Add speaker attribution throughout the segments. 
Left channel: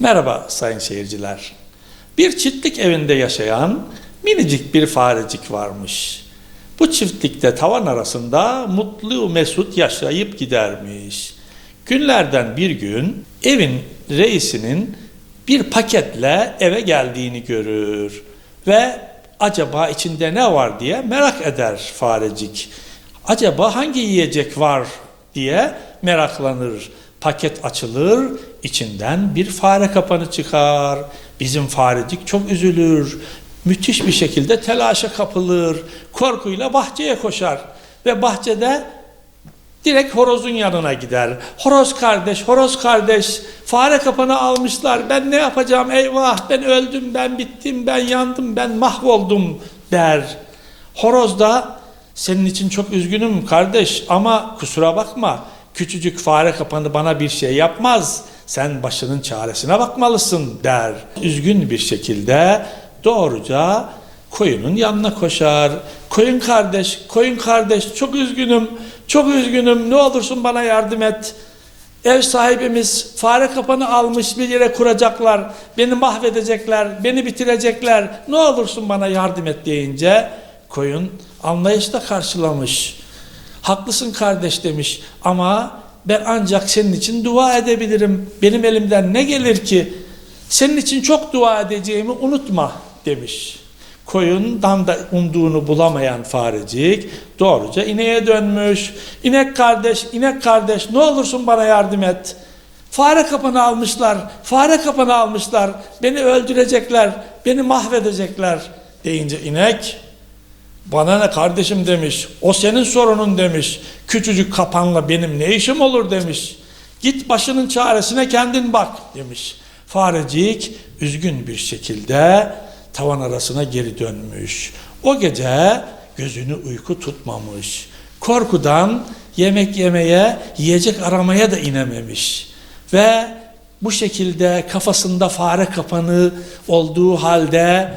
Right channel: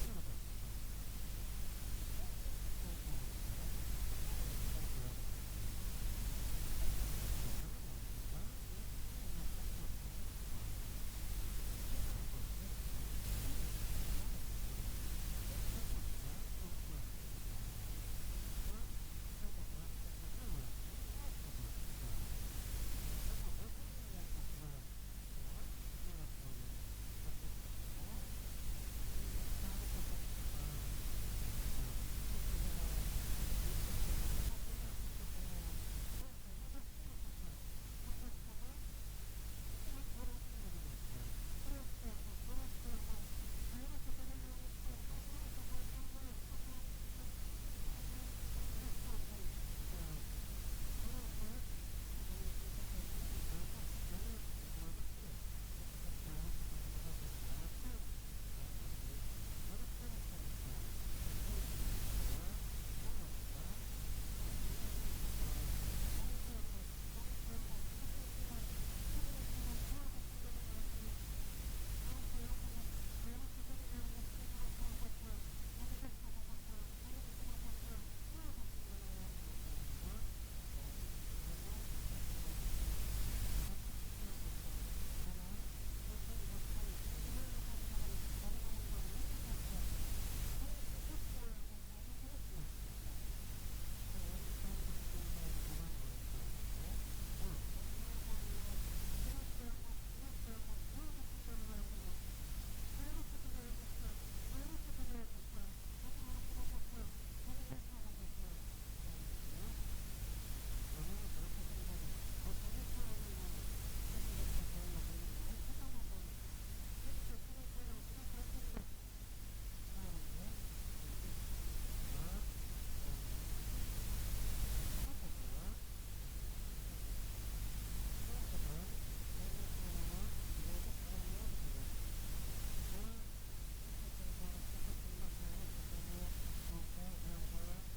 Speaker 1: Merhaba sayın seyirciler. Bir çiftlik evinde yaşayan minicik bir farecik varmış. Bu çiftlikte tavan arasında mutlu mesut yaşayıp gidermiş. Günlerden bir gün evin reisinin bir paketle eve geldiğini görür ve acaba içinde ne var diye merak eder farecik. Acaba hangi yiyecek var diye meraklanır. Paket açılır, içinden bir fare kapanı çıkar. Bizim farecik çok üzülür. Müthiş bir şekilde telaşa kapılır. Korkuyla bahçeye koşar. Ve bahçede direkt horozun yanına gider. Horoz kardeş, horoz kardeş, fare kapanı almışlar. Ben ne yapacağım? Eyvah, ben öldüm, ben bittim, ben yandım, ben mahvoldum der. Horoz da senin için çok üzgünüm kardeş ama kusura bakma. Küçücük fare kapanı bana bir şey yapmaz. Sen başının çaresine bakmalısın der. Üzgün bir şekilde doğruca koyunun yanına koşar. Koyun kardeş, koyun kardeş çok üzgünüm, çok üzgünüm ne olursun bana yardım et. Ev sahibimiz fare kapanı almış bir yere kuracaklar, beni mahvedecekler, beni bitirecekler, ne olursun bana yardım et deyince koyun anlayışla karşılamış. Haklısın kardeş demiş ama ben ancak senin için dua edebilirim. Benim elimden ne gelir ki? Senin için çok dua edeceğimi unutma demiş. Koyundan da umduğunu bulamayan farecik doğruca ineğe dönmüş. İnek kardeş, inek kardeş ne olursun bana yardım et. Fare kapanı almışlar, fare kapanı almışlar. Beni öldürecekler, beni mahvedecekler deyince inek bana ne kardeşim demiş. O senin sorunun demiş. Küçücük kapanla benim ne işim olur demiş. Git başının çaresine kendin bak demiş. Farecik üzgün bir şekilde tavan arasına geri dönmüş. O gece gözünü uyku tutmamış. Korkudan yemek yemeye, yiyecek aramaya da inememiş. Ve bu şekilde kafasında fare kapanı olduğu halde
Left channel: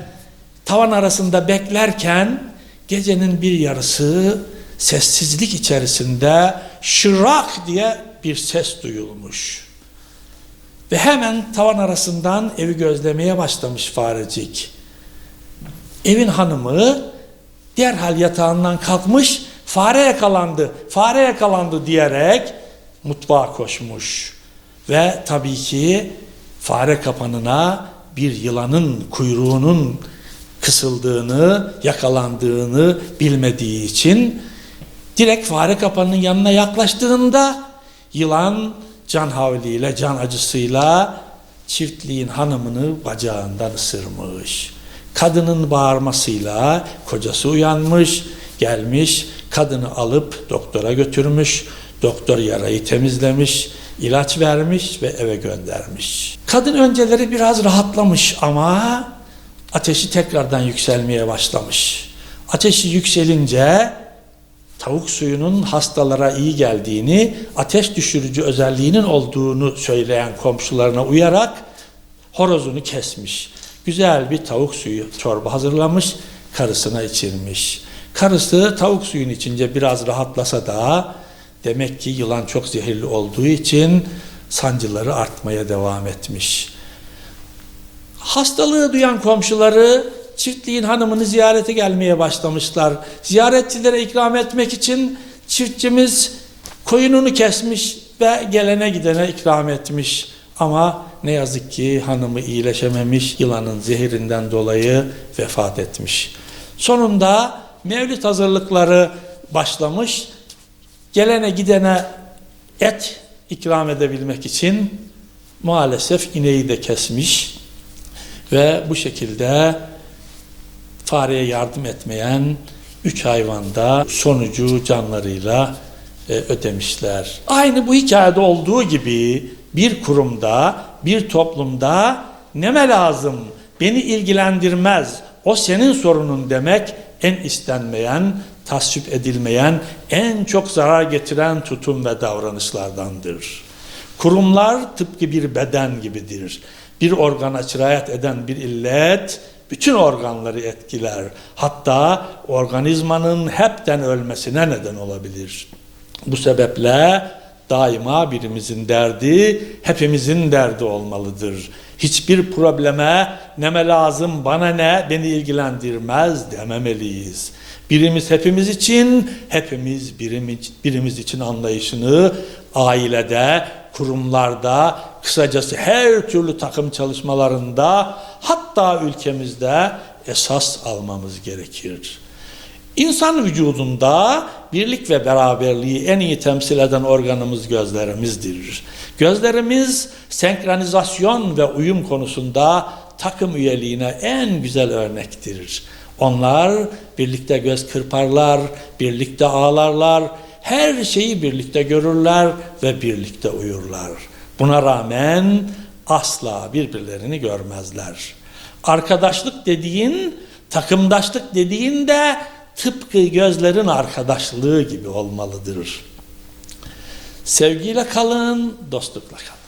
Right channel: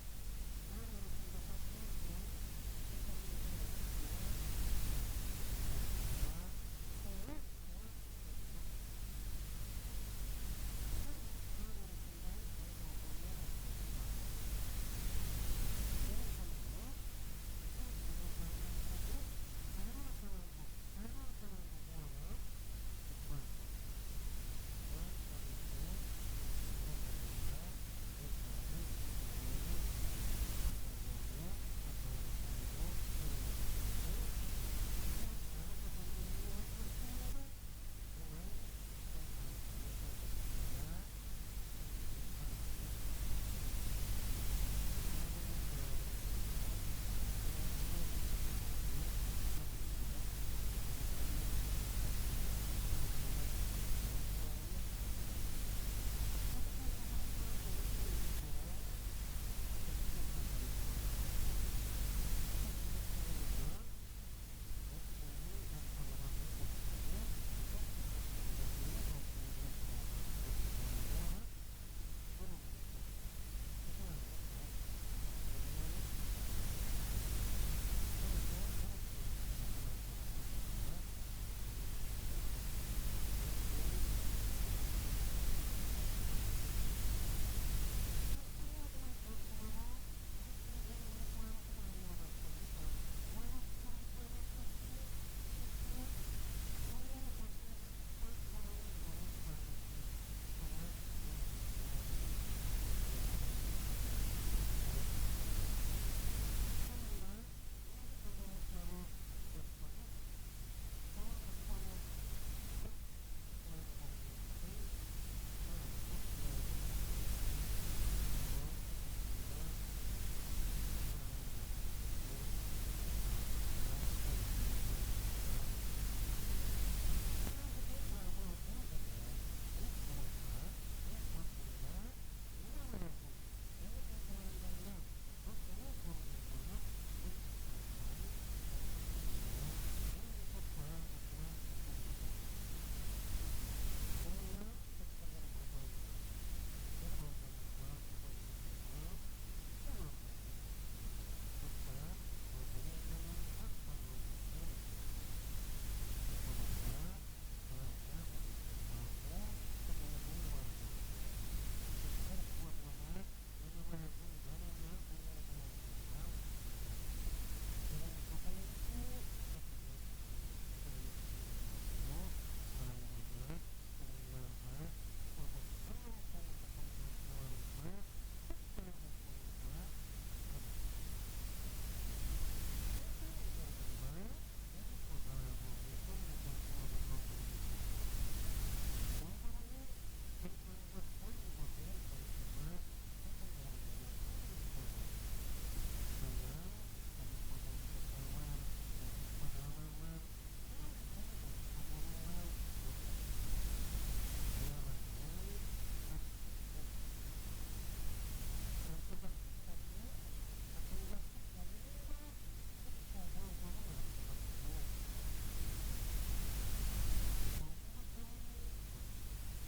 Speaker 1: tavan arasında beklerken gecenin bir yarısı sessizlik içerisinde şırak diye bir ses duyulmuş. Ve hemen tavan arasından evi gözlemeye başlamış farecik. Evin hanımı derhal yatağından kalkmış, fare yakalandı, fare yakalandı diyerek mutfağa koşmuş. Ve tabii ki fare kapanına bir yılanın kuyruğunun kısıldığını, yakalandığını bilmediği için direkt fare kapanının yanına yaklaştığında yılan can havliyle, can acısıyla çiftliğin hanımını bacağından ısırmış. Kadının bağırmasıyla kocası uyanmış, gelmiş, kadını alıp doktora götürmüş. Doktor yarayı temizlemiş, ilaç vermiş ve eve göndermiş. Kadın önceleri biraz rahatlamış ama ateşi tekrardan yükselmeye başlamış. Ateşi yükselince tavuk suyunun hastalara iyi geldiğini, ateş düşürücü özelliğinin olduğunu söyleyen komşularına uyarak horozunu kesmiş. Güzel bir tavuk suyu çorba hazırlamış, karısına içirmiş. Karısı tavuk suyun içince biraz rahatlasa da demek ki yılan çok zehirli olduğu için sancıları artmaya devam etmiş. Hastalığı duyan komşuları çiftliğin hanımını ziyarete gelmeye başlamışlar. Ziyaretçilere ikram etmek için çiftçimiz koyununu kesmiş ve gelene gidene ikram etmiş. Ama ne yazık ki hanımı iyileşememiş, yılanın zehirinden dolayı vefat etmiş. Sonunda mevlid hazırlıkları başlamış. Gelene gidene et ikram edebilmek için maalesef ineği de kesmiş ve bu şekilde fareye yardım etmeyen üç hayvanda sonucu canlarıyla e, ödemişler. Aynı bu hikayede olduğu gibi bir kurumda, bir toplumda neme lazım, beni ilgilendirmez, o senin sorunun demek en istenmeyen, tasvip edilmeyen, en çok zarar getiren tutum ve davranışlardandır. Kurumlar tıpkı bir beden gibidir. Bir organa sirayet eden bir illet, bütün organları etkiler. Hatta organizmanın hepten ölmesine neden olabilir. Bu sebeple daima birimizin derdi hepimizin derdi olmalıdır. Hiçbir probleme neme lazım, bana ne, beni ilgilendirmez dememeliyiz. Birimiz hepimiz için, hepimiz birimiz, birimiz için anlayışını ailede, kurumlarda, kısacası her türlü takım çalışmalarında, hatta ülkemizde esas almamız gerekir. İnsan vücudunda birlik ve beraberliği en iyi temsil eden organımız gözlerimizdir. Gözlerimiz senkronizasyon ve uyum konusunda takım üyeliğine en güzel örnektir. Onlar birlikte göz kırparlar, birlikte ağlarlar, her şeyi birlikte görürler ve birlikte uyurlar. Buna rağmen asla birbirlerini görmezler. Arkadaşlık dediğin, takımdaşlık dediğin de tıpkı gözlerin arkadaşlığı gibi olmalıdır. Sevgiyle kalın, dostlukla kalın.